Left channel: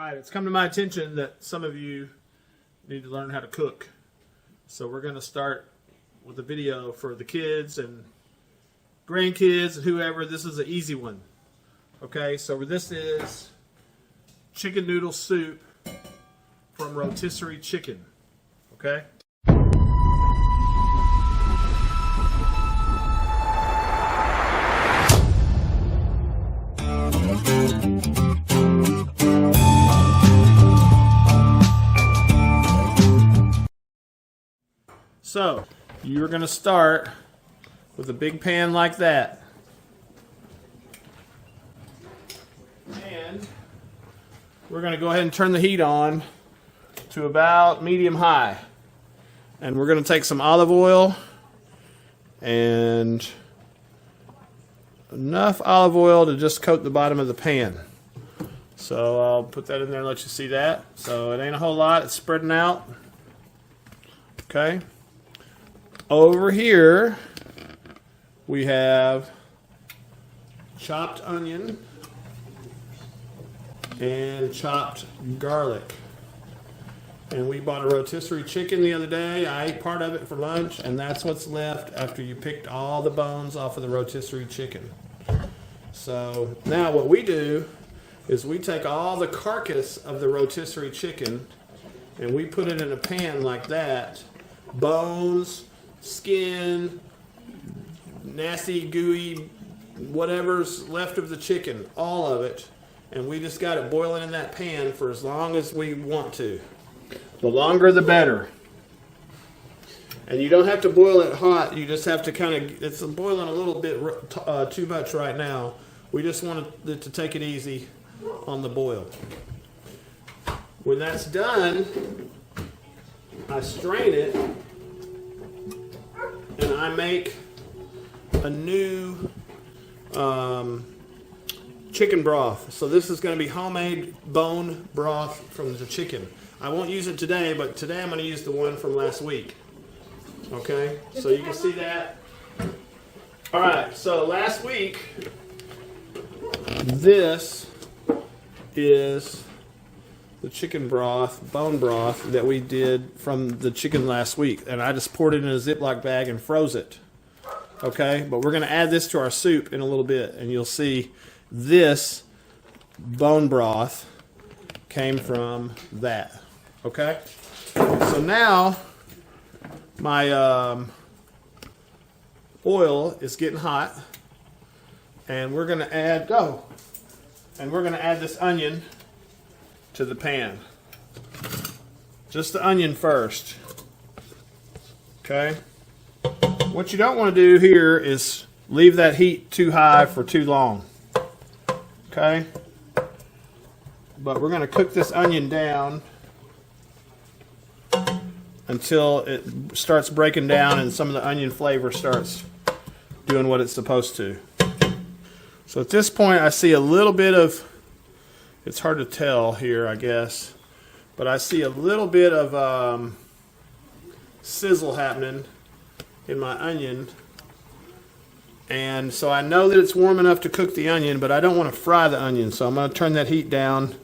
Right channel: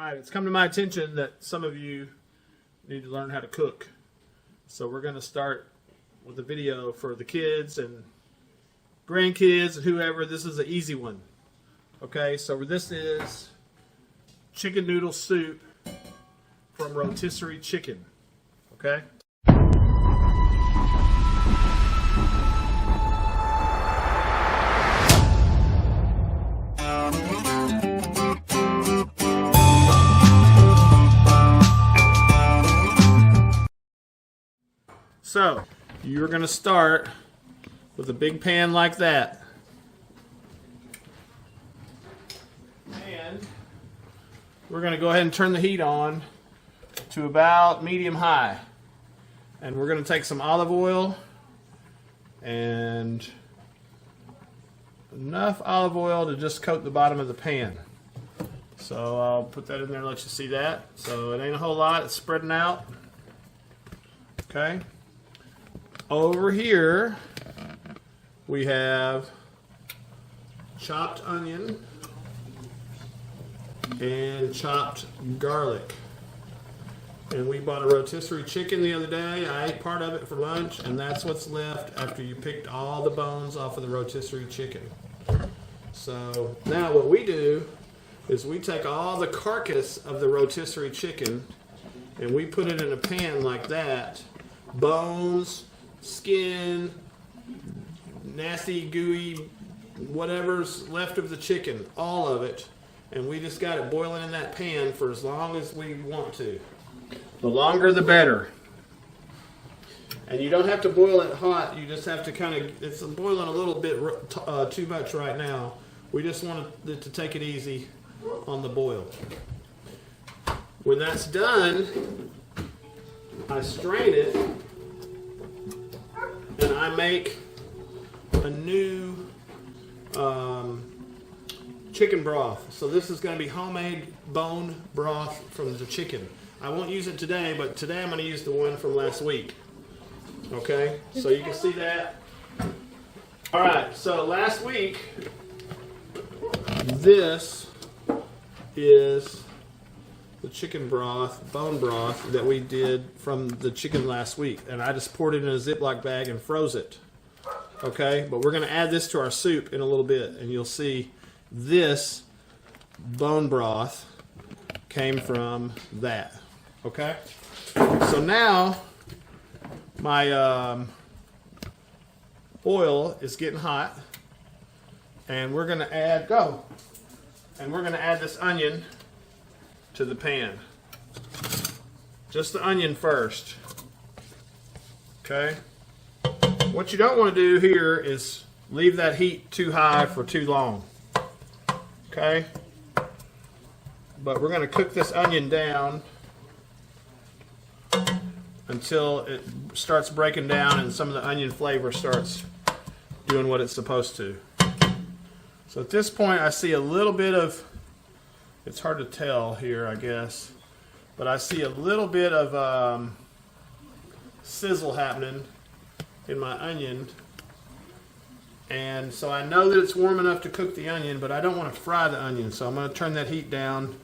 right, it's come to my attention that some of you need to learn how to cook. So we're going to start with a video for the kids and grandkids and whoever. This is an easy one. Okay, so this is chicken noodle soup from rotisserie chicken. Okay. So, you're going to start with a big pan like that. And we're going to go ahead and turn the heat on to about medium high. And we're going to take some olive oil and enough olive oil to just coat the bottom of the pan. So I'll put that in there and let you see that. So it ain't a whole lot, it's spreading out. Okay. Over here, we have chopped onion and chopped garlic. And we bought a rotisserie chicken the other day. I ate part of it for lunch, and that's what's left after you picked all the bones off of the rotisserie chicken. So now what we do is we take all the carcass of the rotisserie chicken and we put it in a pan like that. Bones, skin, nasty, gooey, whatever's left of the chicken, all of it, and we just got it boiling in that pan for as long as we want to. The longer the better. And you don't have to boil it hot, you just have to kind of, it's boiling a little bit too much right now. We just want it to take it easy on the boil. When that's done, I strain it and I make a new chicken broth. So this is going to be homemade bone broth from the chicken. I won't use it today, but today I'm going to use the one from last week. Okay, so you can see that. All right, so last week, this is the chicken broth, bone broth that we did from the chicken last week. And I just poured it in a Ziploc bag and froze it. Okay, but we're going to add this to our soup in a little bit. And you'll see this bone broth came from that. Okay, so now my oil is getting hot. And we're going to add, this onion to the pan. Just the onion first. Okay. What you don't want to do here is leave that heat too high for too long. Okay. But we're going to cook this onion down until it starts breaking down and some of the onion flavor starts doing what it's supposed to. So at this point I see a little bit of, it's hard to tell here, I guess, but I see a little bit of sizzle happening in my onion. And so I know that it's warm enough to cook the onion, but I don't want to fry the onion. So I'm going to turn that heat down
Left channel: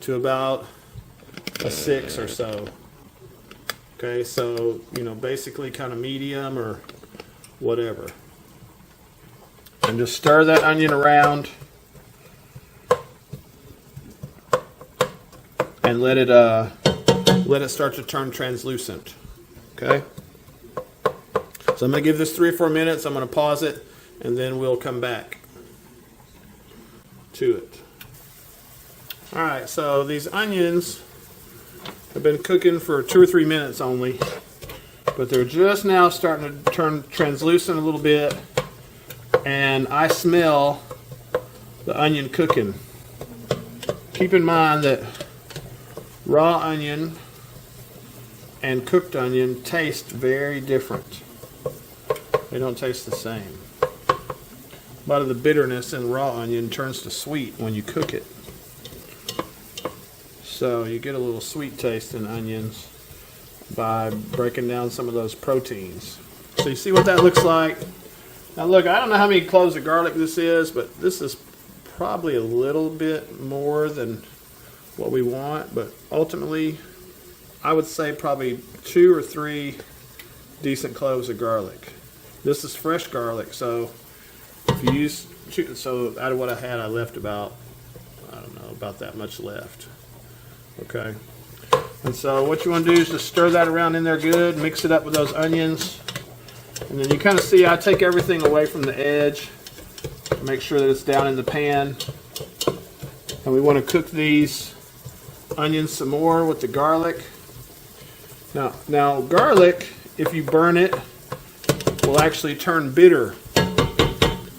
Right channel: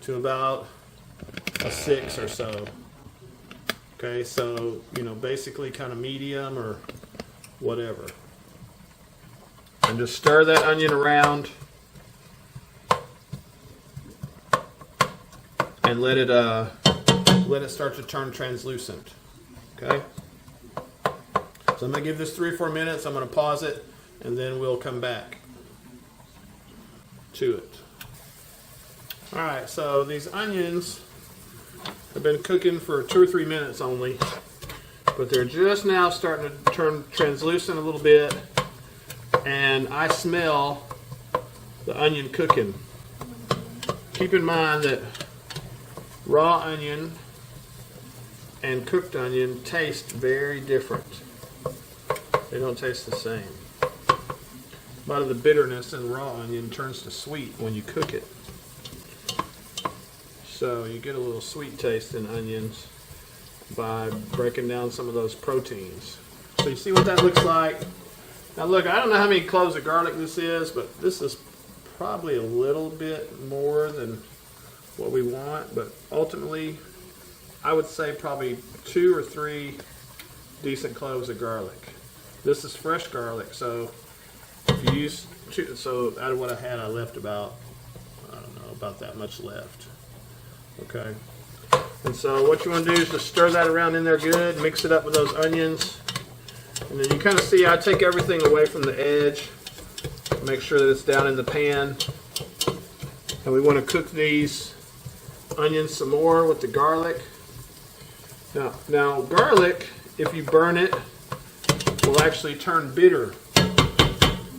to about a 6 or so. Okay, so, basically kind of medium or whatever. And just stir that onion around. And let it start to turn translucent. Okay. So I'm gonna give this 3 or 4 minutes. I'm gonna pause it, and then we'll come back to it. All right. So these onions have been cooking for 2 or 3 minutes only, but they're just now starting to turn translucent a little bit, and I smell the onion cooking. Keep in mind that raw onion and cooked onion taste very different. They don't taste the same. A lot of the bitterness in raw onion turns to sweet when you cook it. So you get a little sweet taste in onions by breaking down some of those proteins. So you see what that looks like? Now look, I don't know how many cloves of garlic this is, but this is probably a little bit more than what we want, but ultimately I would say probably 2 or 3 decent cloves of garlic. This is fresh garlic, so if you use so out of what I had, I left about, I don't know, about that much left. Okay, and so what you want to do is just stir that around in there good, mix it up with those onions, and then you kind of see I take everything away from the edge, make sure that it's down in the pan, and we want to cook these onions some more with the garlic. Now garlic, if you burn it, will actually turn bitter.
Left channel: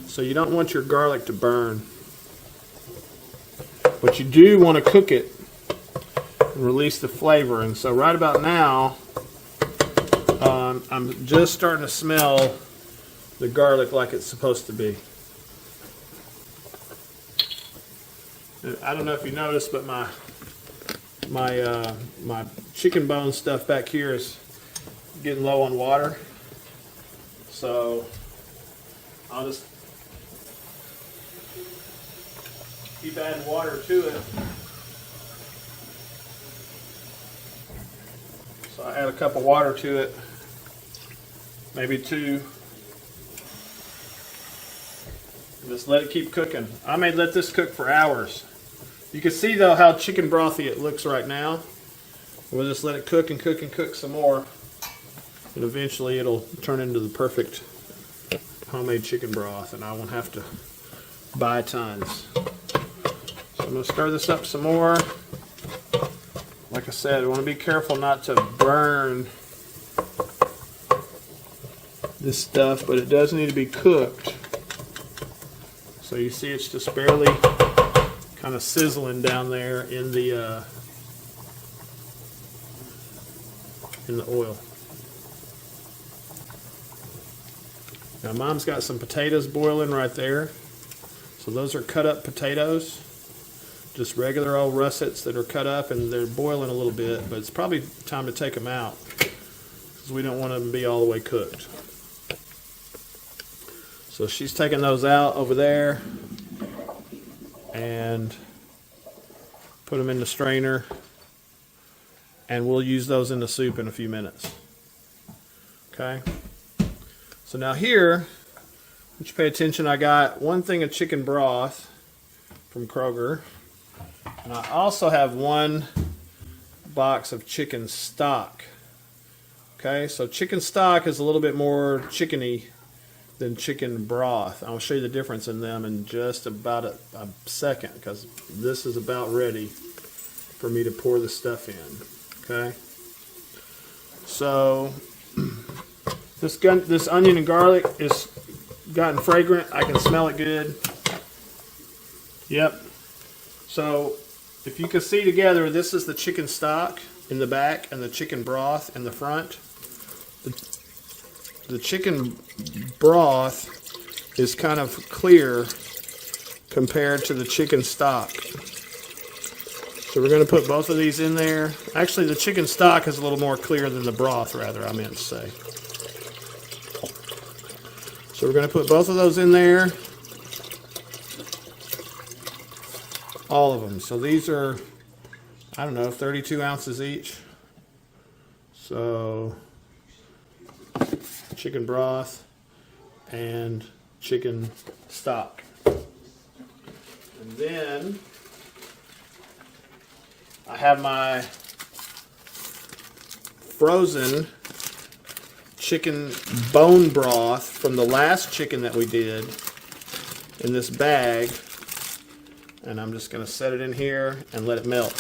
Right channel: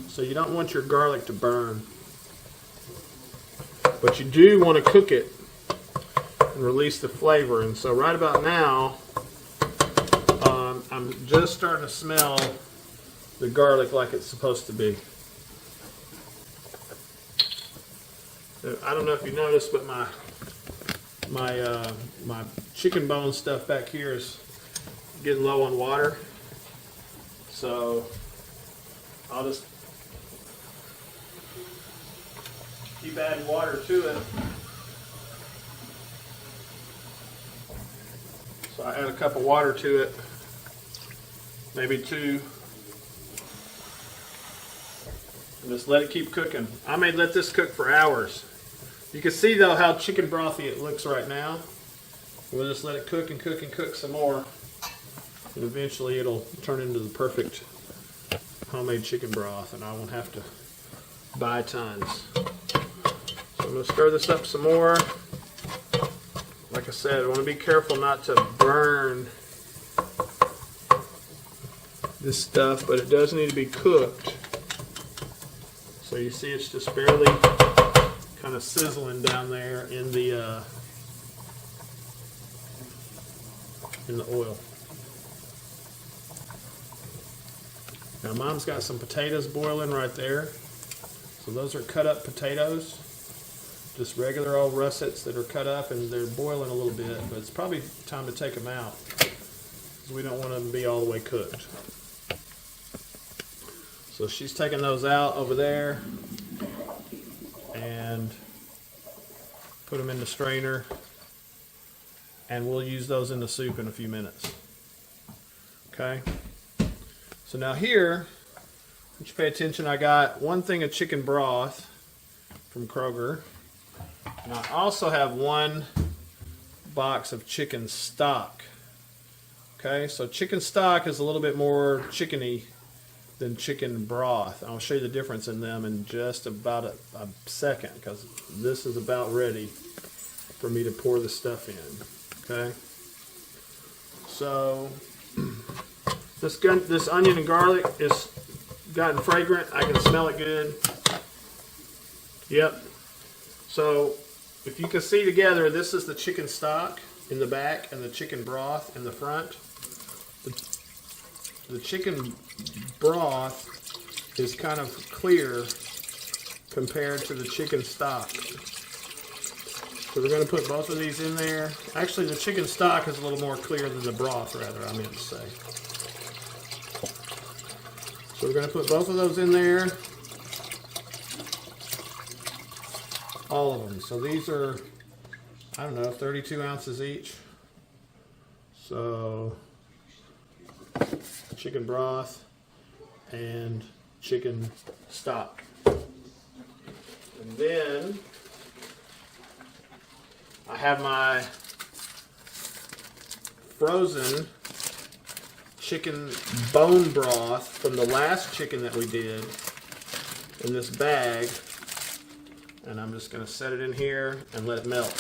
So you don't want your garlic to burn. But you do want to cook it and release the flavor. And so right about now, I'm just starting to smell the garlic like it's supposed to be. I don't know if you noticed, but my chicken bone stuff back here is getting low on water. So I'll just keep adding water to it. So I add a cup of water to it, maybe 2. And just let it keep cooking. I may let this cook for hours. You can see though how chicken brothy it looks right now. We'll just let it cook and cook and cook some more. And eventually it'll turn into the perfect homemade chicken broth, and I won't have to buy tons. So I'm going to stir this up some more. Like I said, I want to be careful not to burn this stuff, but it does need to be cooked. So you see it's just barely kind of sizzling down there in the oil. Now Mom's got some potatoes boiling right there. So those are cut up potatoes. Just regular old russets that are cut up, and they're boiling a little bit, but it's probably time to take them out because we don't want them to be all the way cooked. So she's taking those out over there and put them in the strainer, and we'll use those in the soup in a few minutes. Okay? So now here, you should pay attention, I got 1 thing of chicken broth from Kroger. And I also have 1 box of chicken stock. Okay, so chicken stock is a little bit more chickeny than chicken broth. I'll show you the difference in them in just about a second, because this is about ready for me to pour the stuff in. Okay, so this onion and garlic is gotten fragrant. I can smell it good. Yep. So if you can see together, this is the chicken stock in the back and the chicken broth in the front. The chicken broth is kind of clear compared to the chicken stock. So we're going to put both of these in there. Actually, the chicken stock is a little more clear than the broth, rather, I meant to say. So we're going to put both of those in there. All of them. So these are, I don't know, 32 ounces each. So chicken broth and chicken stock. And then I have my frozen chicken bone broth from the last chicken that we did in this bag. And I'm just going to set it in here and let it melt.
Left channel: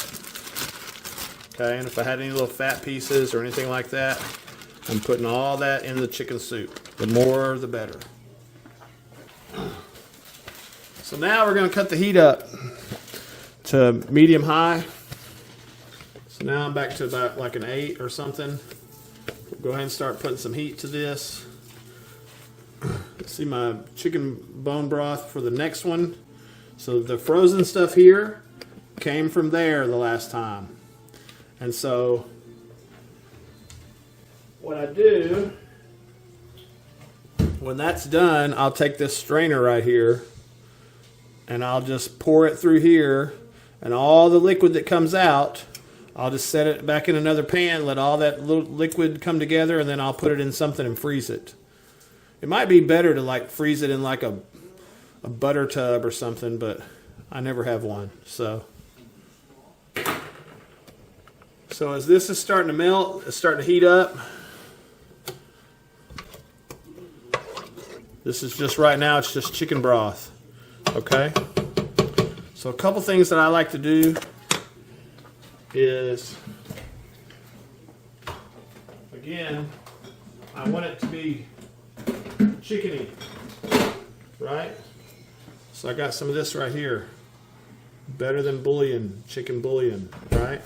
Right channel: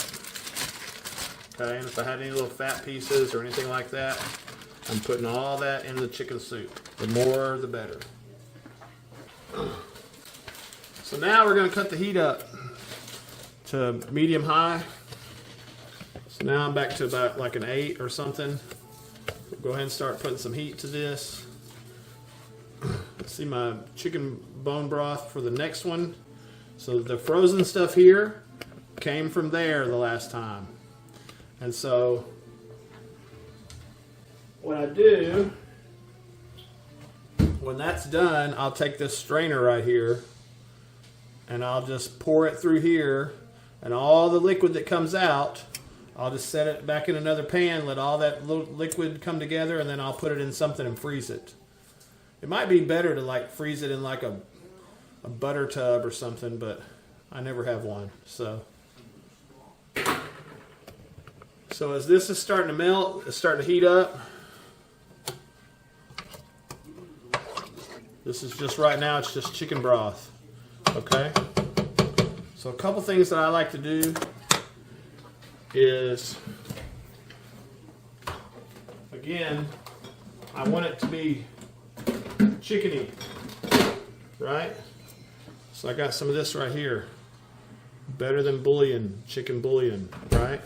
Okay, and if I had any little fat pieces or anything like that, I'm putting all that in the chicken soup. The more, the better. So now we're going to cut the heat up to medium high. So now I'm back to about like an 8 or something. Go ahead and start putting some heat to this. Let's see my chicken bone broth for the next one. So the frozen stuff here came from there the last time. And so what I do, when that's done, I'll take this strainer right here and I'll just pour it through here And all the liquid that comes out, I'll just set it back in another pan, let all that little liquid come together, and then I'll put it in something and freeze it. It might be better to like freeze it in like a butter tub or something, but I never have one. So as this is starting to melt, it's starting to heat up. This is just right now, it's just chicken broth. Okay? So a couple things that I like to do is, again, I want it to be chickeny, right? So I got some of this right here. Better than bouillon, chicken bouillon, right?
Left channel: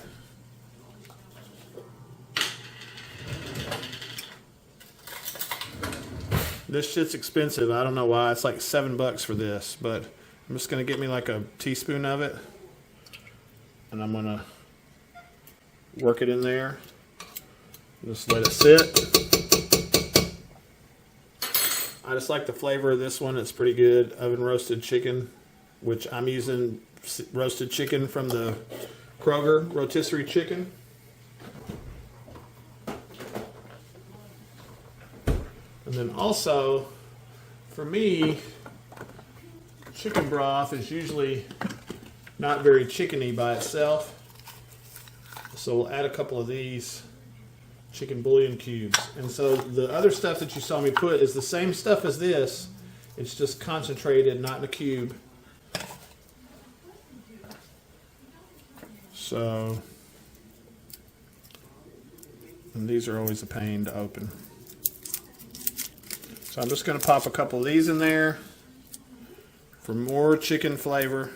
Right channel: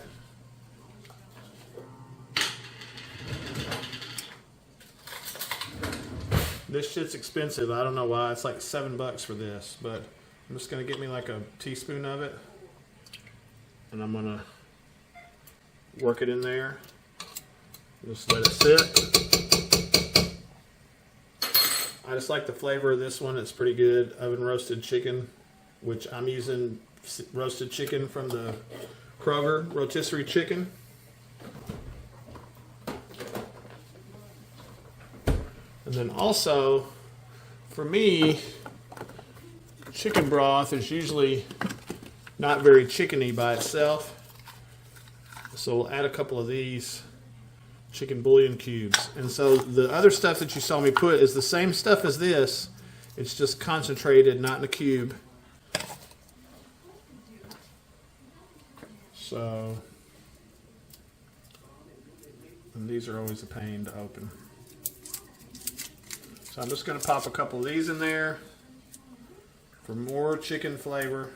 This shit's expensive. I don't know why. It's like $7 for this, but I'm just gonna get me like a teaspoon of it, and I'm gonna work it in there. Just let it sit. I just like the flavor of this one. It's pretty good. Oven roasted chicken, which I'm using roasted chicken from the Kroger rotisserie chicken. And then also, for me, chicken broth is usually not very chickeny by itself. So we'll add a couple of these chicken bouillon cubes. And so the other stuff that you saw me put is the same stuff as this. It's just concentrated, not in a cube. So, and these are always a pain to open. So I'm just going to pop a couple of these in there for more chicken flavor.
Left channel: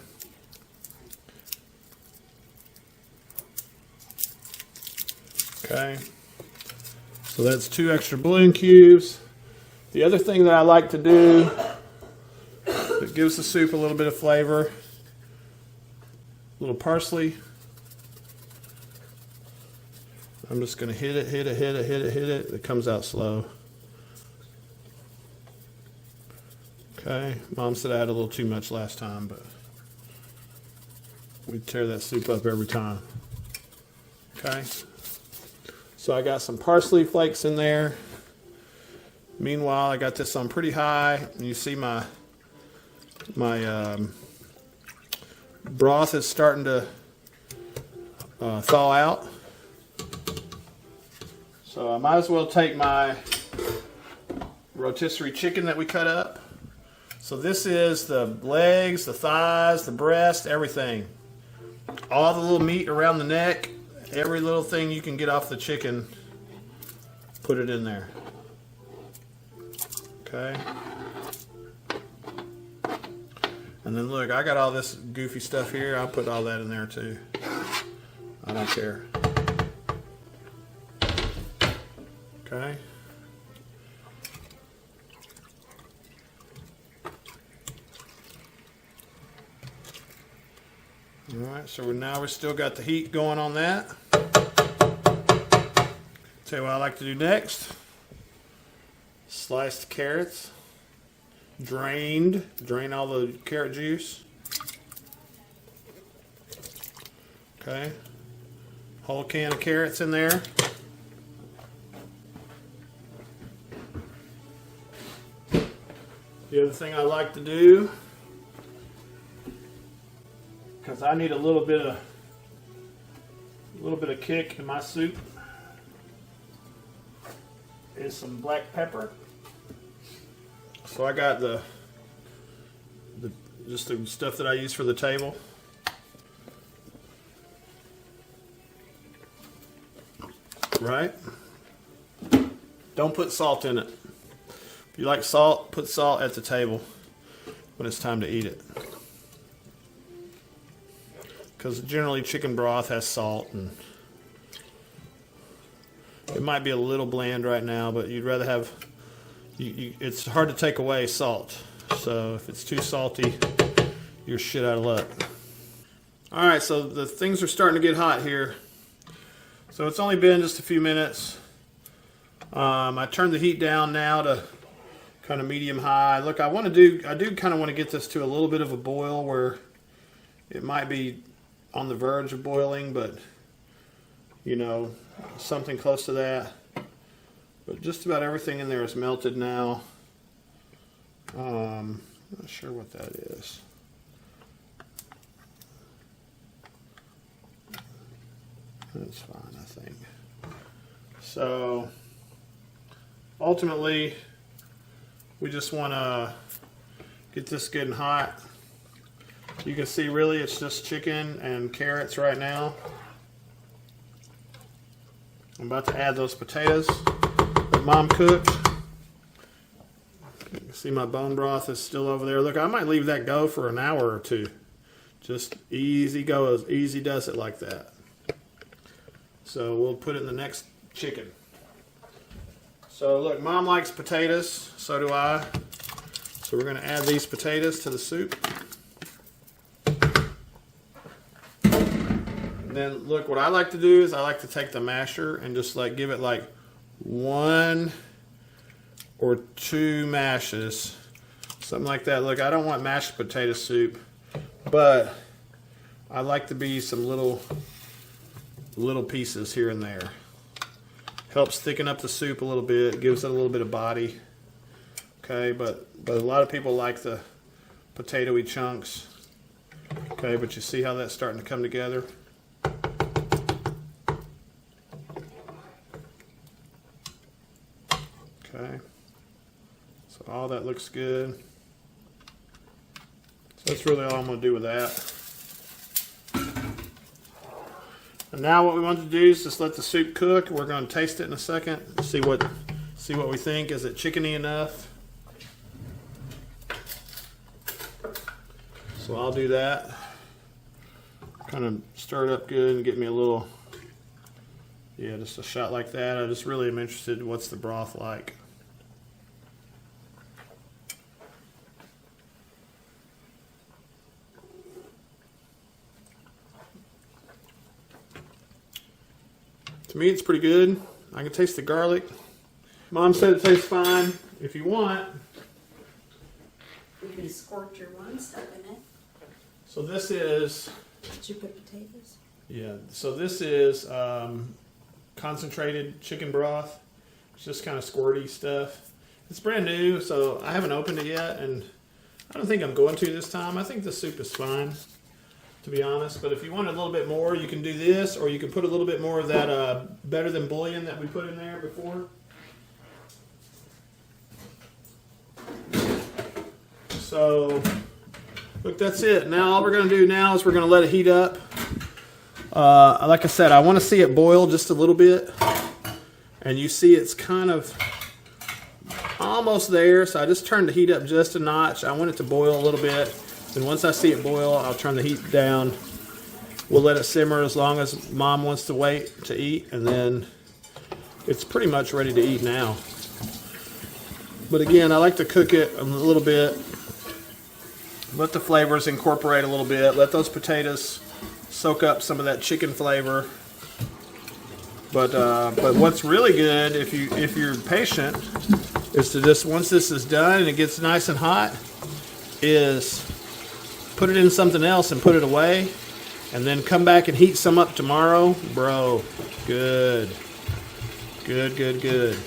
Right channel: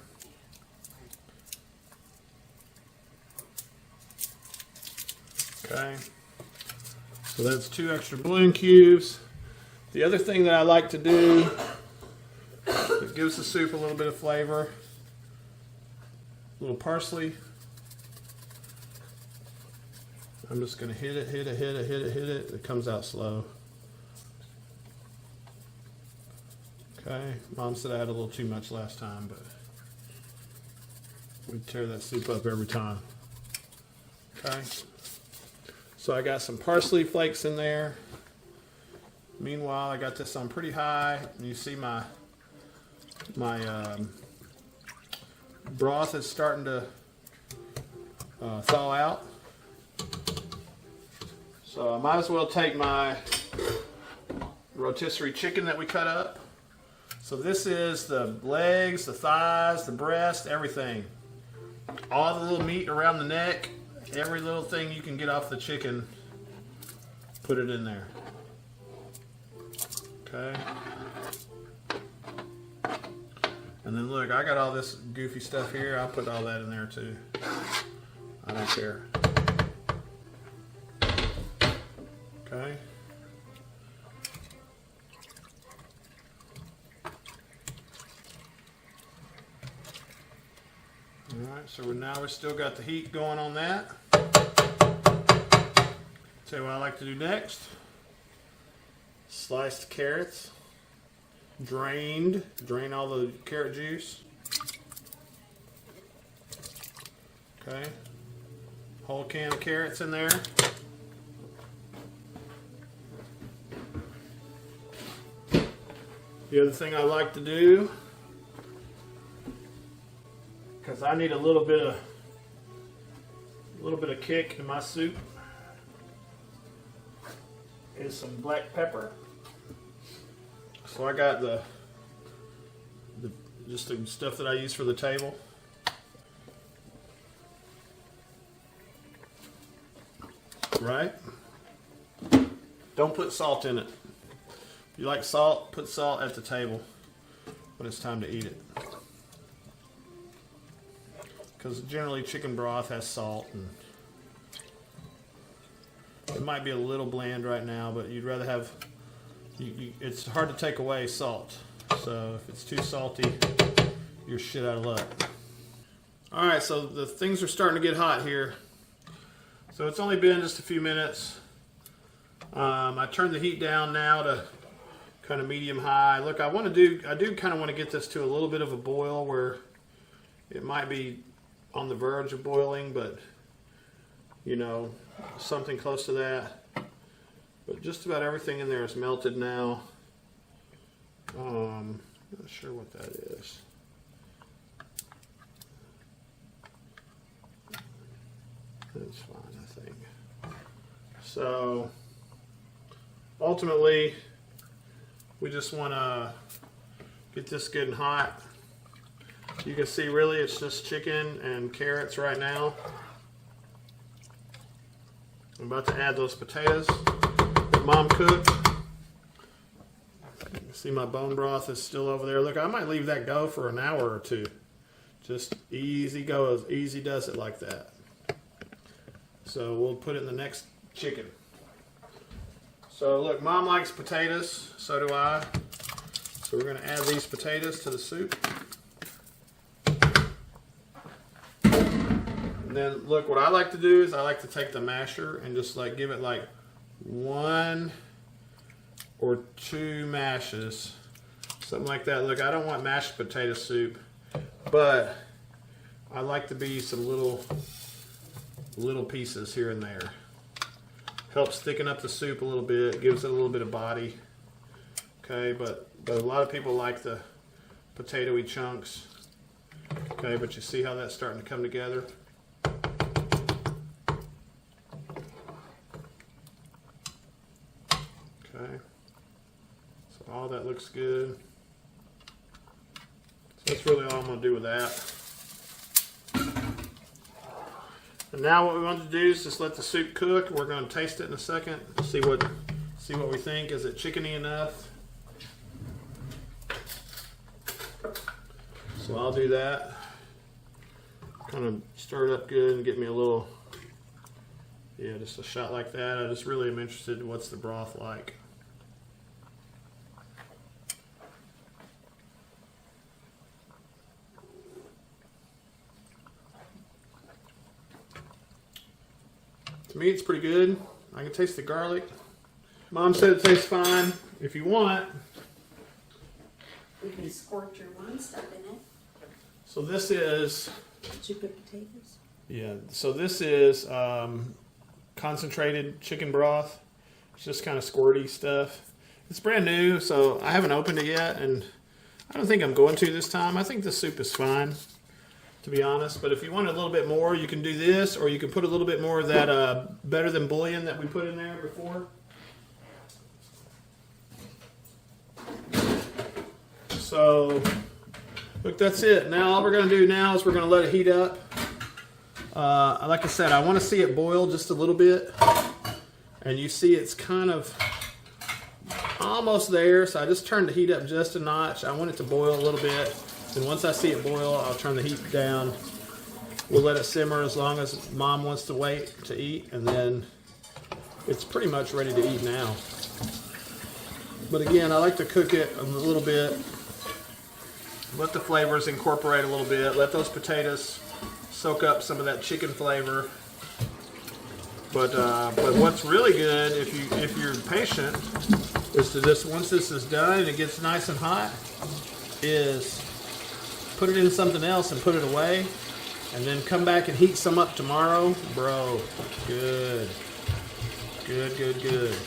Okay. So that's 2 extra bouillon cubes. The other thing that I like to do that gives the soup a little bit of flavor, a little parsley. I'm just going to hit it. It comes out slow. Okay, Mom said I had a little too much last time, but we tear that soup up every time. Okay, so I got some parsley flakes in there. Meanwhile, I got this on pretty high, and you see my broth is starting to thaw out. So I might as well take my rotisserie chicken that we cut up. So this is the legs, the thighs, the breast, everything. All the little meat around the neck, every little thing you can get off the chicken, put it in there. Okay. And then look, I got all this goofy stuff here. I'll put all that in there too. I don't care. Okay. Alright, so now we've still got the heat going on that. Tell you what I like to do next. Sliced carrots. Drain all the carrot juice. Okay. Whole can of carrots in there. The other thing I like to do, because I need a little bit of kick in my soup, is some black pepper. So I got just the stuff that I use for the table. Right? Don't put salt in it. If you like salt, put salt at the table when it's time to eat it. Because generally chicken broth has salt, and it might be a little bland right now, but you'd rather have, it's hard to take away salt. So if it's too salty, you're shit out of luck. Alright, so the things are starting to get hot here. So it's only been just a few minutes. I turned the heat down now to kind of medium high. Look, I do kind of want to get this to a little bit of a boil where it might be on the verge of boiling, but you know, something close to that. But just about everything in there is melted now. Not sure what that is. That's fine, I think. So ultimately, we just want to get this good and hot. You can see really it's just chicken and carrots right now. I'm about to add those potatoes that Mom cooked. See, my bone broth is still over there. Look, I might leave that go for an hour or two. Just easy go, easy does it like that. So we'll put it in the next chicken. So look, Mom likes potatoes, so do I. So we're gonna add these potatoes to the soup. And then look, what I like to do is I like to take the masher and just like give it like 1 or 2 mashes, something like that. Look, I don't want mashed potato soup, but I like to be some little pieces here and there. Helps thicken up the soup a little bit, gives it a little bit of body. Okay, but a lot of people like the potatoey chunks. Okay, but you see how that's starting to come together? Okay, so all that looks good. So that's really all I'm going to do with that. And now what we want to do is just let the soup cook. We're going to taste it in a second. See what we think. Is it chickeny enough? So I'll do that. Kind of stir it up good and get me a little, yeah, just a shot like that. I just really am interested in what's the broth like. To me, it's pretty good. I can taste the garlic. Mom said it tastes fine. If you want, you can squirt your one stuff in it. So this is. Did you put potatoes? Yeah. So this is concentrated chicken broth. It's just kind of squirty stuff. It's brand new, so I haven't opened it yet, and I don't think I'm going to this time. I think the soup is fine, to be honest. But if you want a little bit more, you can do this, or you can put a little bit more of that better than bouillon that we put in there before. So, look, that's it. Now all we're going to do now is we're going to let it heat up. Like I said, I want to see it boil just a little bit. And you see it's kind of almost there, so I just turned the heat up just a notch. I want it to boil a little bit. And once I see it boil, I'll turn the heat down. We'll let it simmer as long as Mom wants to wait to eat, and then it's pretty much ready to eat now. But again, I like to cook it a little bit. Let the flavors incorporate a little bit. Let those potatoes soak up some of that chicken flavor. But what's really good, if you're patient, is to just, once this is done and it gets nice and hot, is put it in something else and put it away, and then come back and heat some up tomorrow. Bro, good. Good, good, good.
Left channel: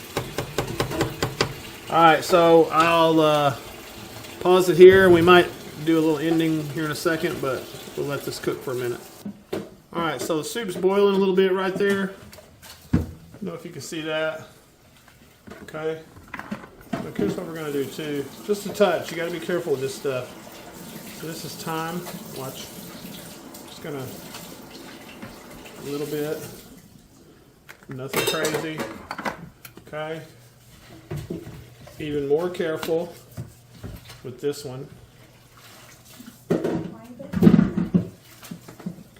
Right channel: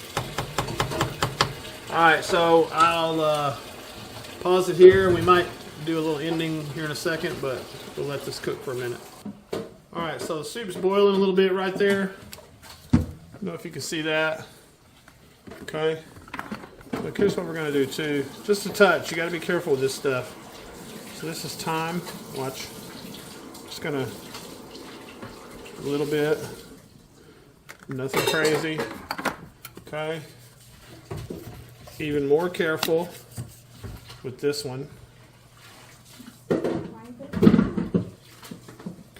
Alright, so I'll pause it here. We might do a little ending here in a second, but we'll let this cook for a minute. Alright, so the soup's boiling a little bit right there. I don't know if you can see that. Okay. Look, here's what we're going to do too. Just a touch. You got to be careful with this stuff. So this is thyme. Watch. Just going to a little bit. Nothing crazy. Okay. Even more careful with this one.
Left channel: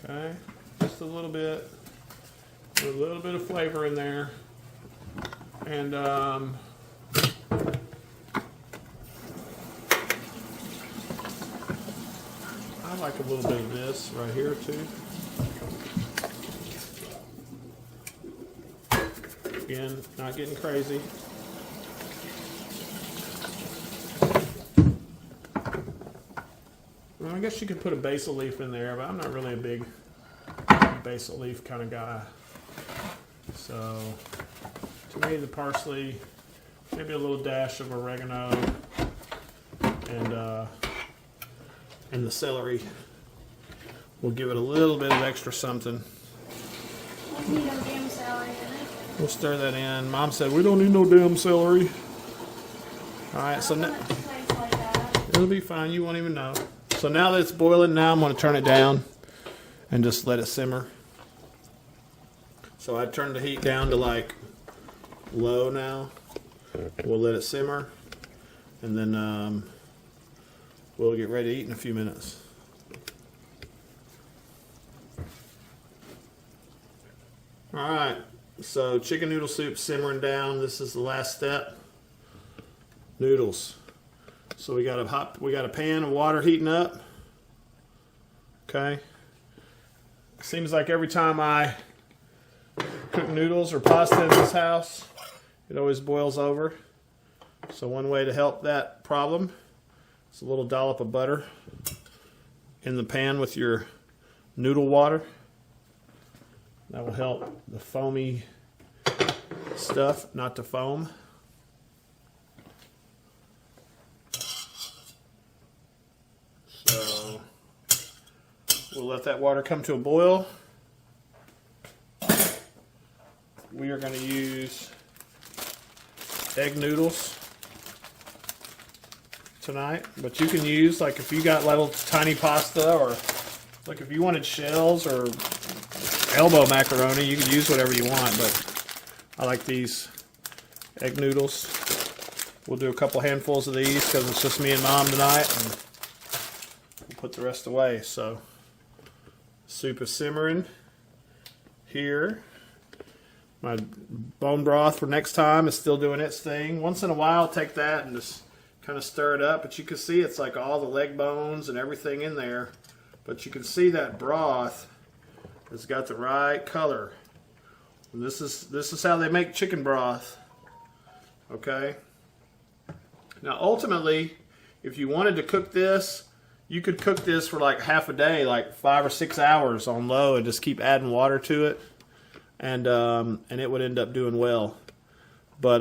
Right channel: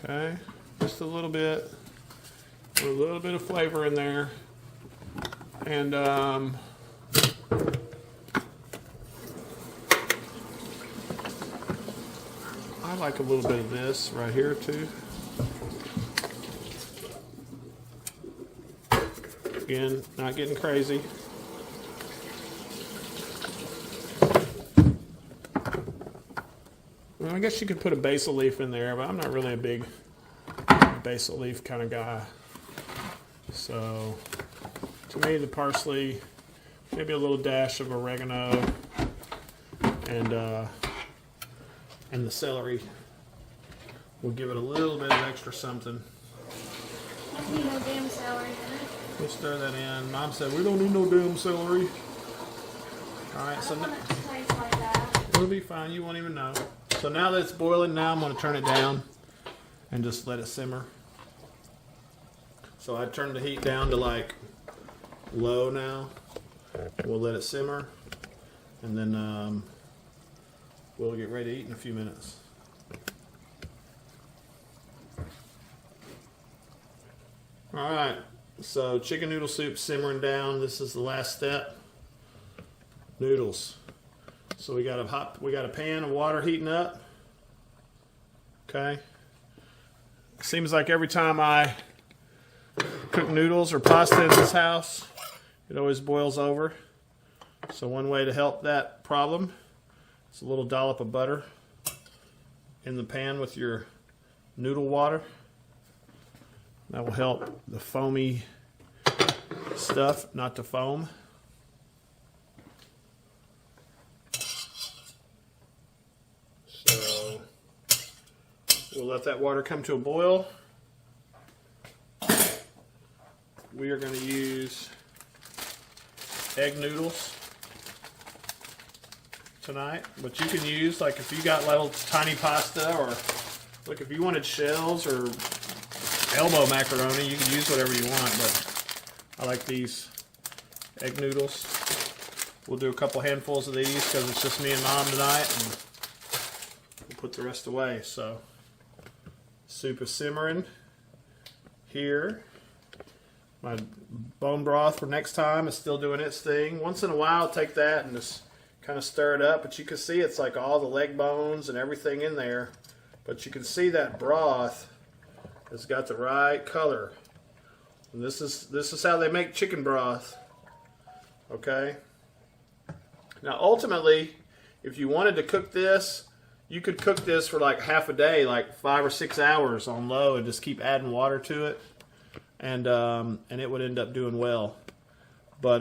Okay. Just a little bit. A little bit of flavor in there. And I like a little bit of this right here too. Again, not getting crazy. Well, I guess you could put a basil leaf in there, but I'm not really a big basil leaf kind of guy. So to me, the parsley, maybe a little dash of oregano, and the celery will give it a little bit of extra something. You need no damn celery in it. We'll stir that in. Mom said we don't need no damn celery. All right, so now It tastes like that. it'll be fine. You won't even know. So now that it's boiling, now I'm going to turn it down and just let it simmer. So I turned the heat down to like low now. We'll let it simmer, and then we'll get ready to eat in a few minutes. All right, so chicken noodle soup simmering down. This is the last step. Noodles. So we got a pan of water heating up. Okay. Seems like every time I cook noodles or pasta in this house, it always boils over. So one way to help that problem is a little dollop of butter in the pan with your noodle water. That will help the foamy stuff not to foam. So we'll let that water come to a boil. We are going to use egg noodles tonight, but you can use, like, if you got little tiny pasta, or like if you wanted shells or elbow macaroni, you can use whatever you want, but I like these egg noodles. We'll do a couple handfuls of these because it's just me and Mom tonight, and we'll put the rest away. So soup is simmering here. My bone broth for next time is still doing its thing. Once in a while, I'll take that and just kind of stir it up, but you can see it's like all the leg bones and everything in there. But you can see that broth has got the right color. And this is how they make chicken broth. Okay. Now, ultimately, if you wanted to cook this, you could cook this for like half a day, like 5 or 6 hours on low, and just keep adding water to it. And it would end up doing well. But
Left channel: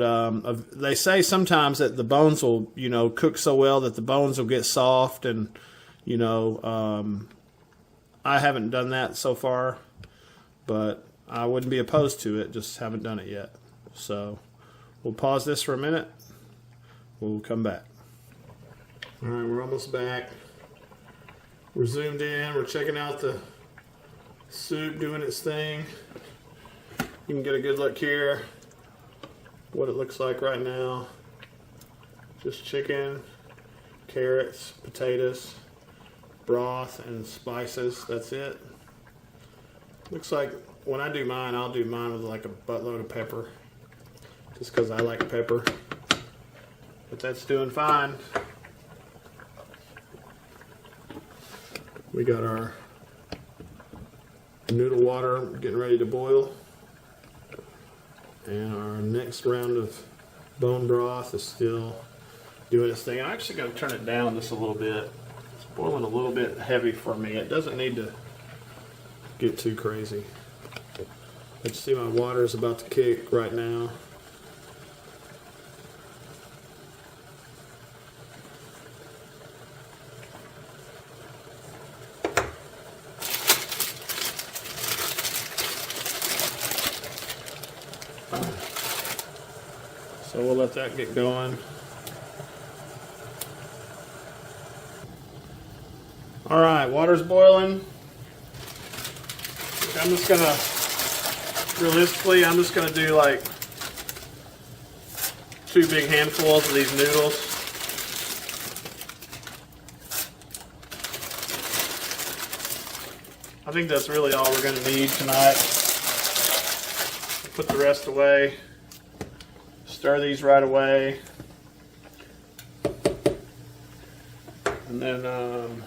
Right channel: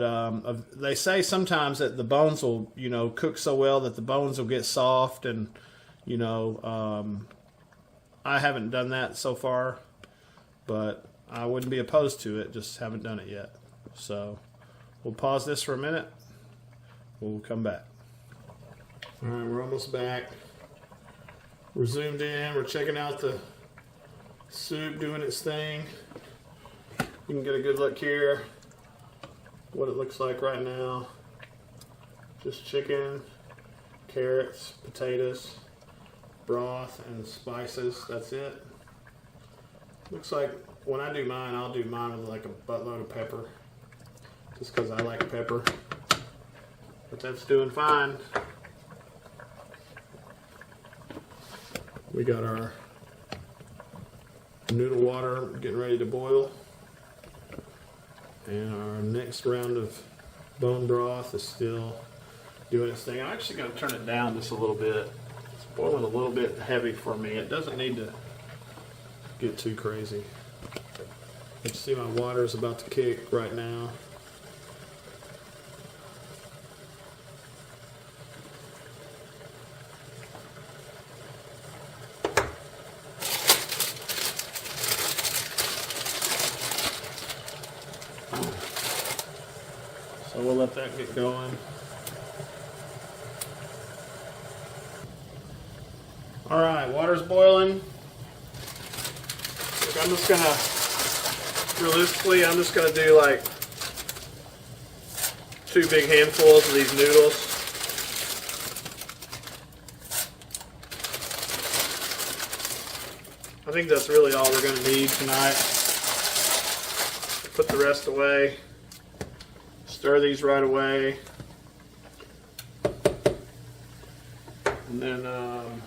they say sometimes that the bones will, cook so well that the bones will get soft, and I haven't done that so far, but I wouldn't be opposed to it. Just haven't done it yet. So we'll pause this for a minute. We'll come back. All right, we're almost back. We're zoomed in. We're checking out the soup doing its thing. You can get a good look here, what it looks like right now. Just chicken, carrots, potatoes, broth, and spices. That's it. Looks like when I do mine, I'll do mine with like a buttload of pepper, just because I like pepper. But that's doing fine. We got our noodle water getting ready to boil. And our next round of bone broth is still doing its thing. I'm actually going to turn it down just a little bit. It's boiling a little bit heavy for me. It doesn't need to get too crazy. But you see my water is about to kick right now. So we'll let that get going. All right, water's boiling. I'm just gonna, realistically, I'm just gonna do like 2 big handfuls of these noodles. I think that's really all we're gonna need tonight. Put the rest away. Stir these right away, and then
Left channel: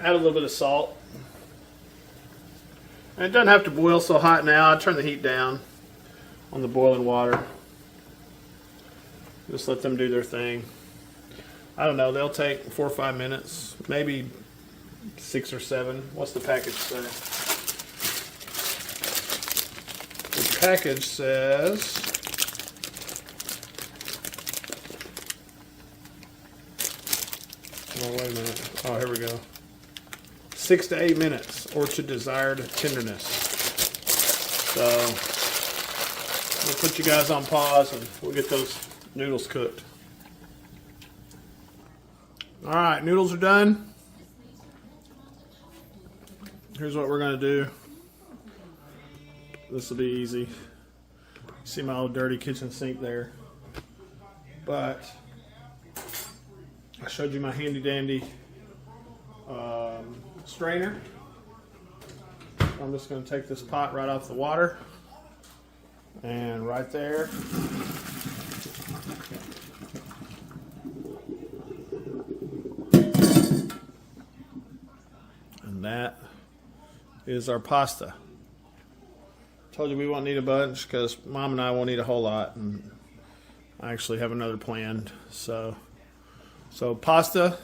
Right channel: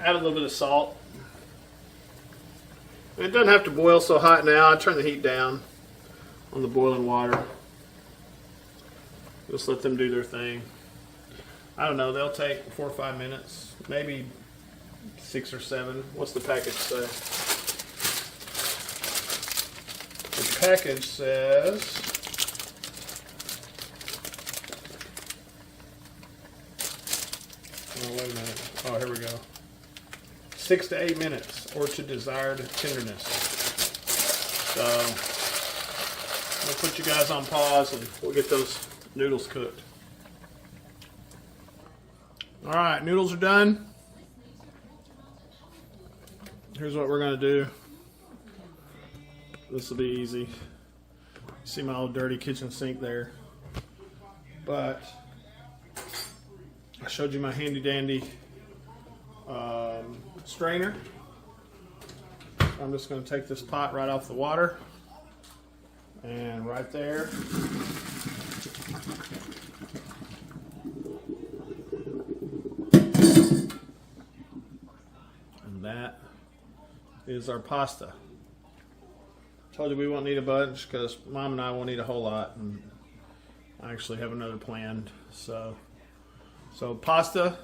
add a little bit of salt. And it doesn't have to boil so hot now. I turn the heat down on the boiling water. Just let them do their thing. I don't know, they'll take 4 or 5 minutes, maybe 6 or 7. What's the package say? The package says, oh, wait a minute. Oh, here we go. 6 to 8 minutes, or to desired tenderness. So, I'll put you guys on pause and we'll get those noodles cooked. All right, noodles are done. Here's what we're going to do. This will be easy. See my old dirty kitchen sink there. But I showed you my handy dandy strainer. I'm just going to take this pot right off the water. And right there. And that is our pasta. Told you we won't need a bunch because Mom and I won't eat a whole lot, and I actually have another planned. So pasta,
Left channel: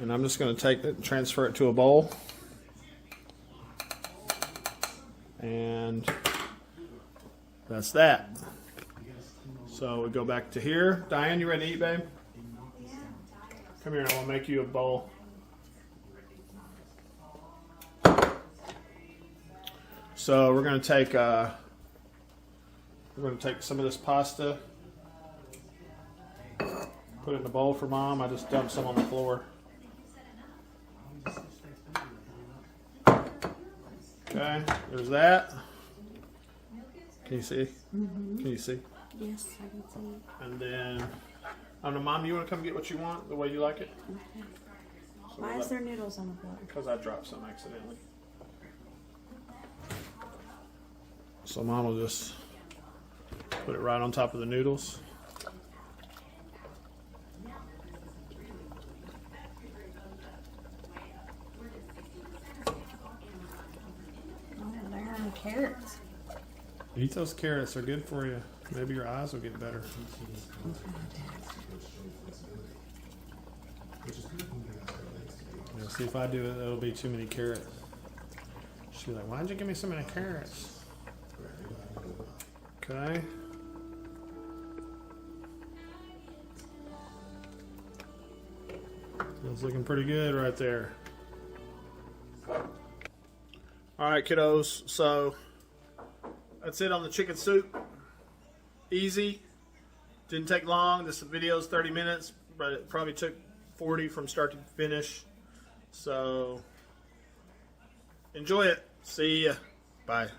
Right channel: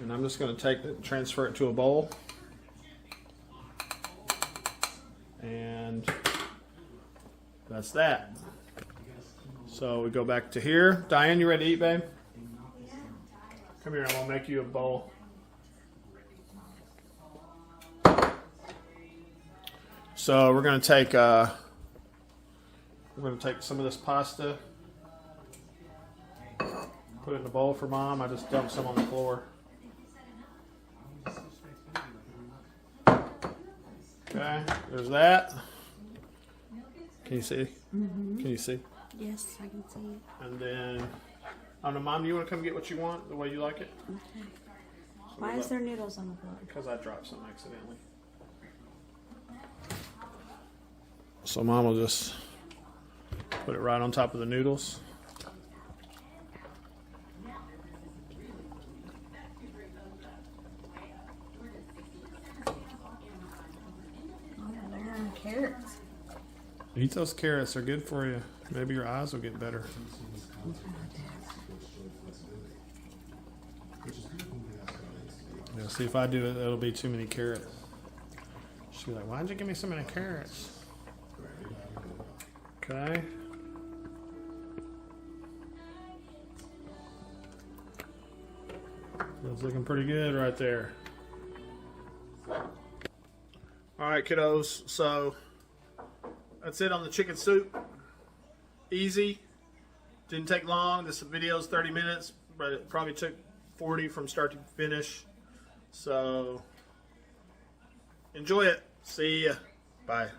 and I'm just going to take it, transfer it to a bowl, and that's that. So we go back to here. Diane, you ready to eat, babe? Come here, I want to make you a bowl. So we're going to take some of this pasta, put it in a bowl for Mom. I just dumped some on the floor. Okay, there's that. Can you see? Mm-hmm. Can you see? Yes, I can see. And then, I don't know, Mom, do you want to come get what you want the way you like it? Okay. Why is there noodles on the floor? Because I dropped some accidentally. So Mom will just put it right on top of the noodles. Oh, there are carrots. Eat those carrots, they're good for you. Maybe your eyes will get better. Yeah, see, if I do it, it'll be too many carrots. She's like, why'd you give me so many carrots? Okay. That's looking pretty good right there. Alright, kiddos, so that's it on the chicken soup. Easy. Didn't take long. This video is 30 minutes, but it probably took 40 from start to finish. So enjoy it. See ya. Bye.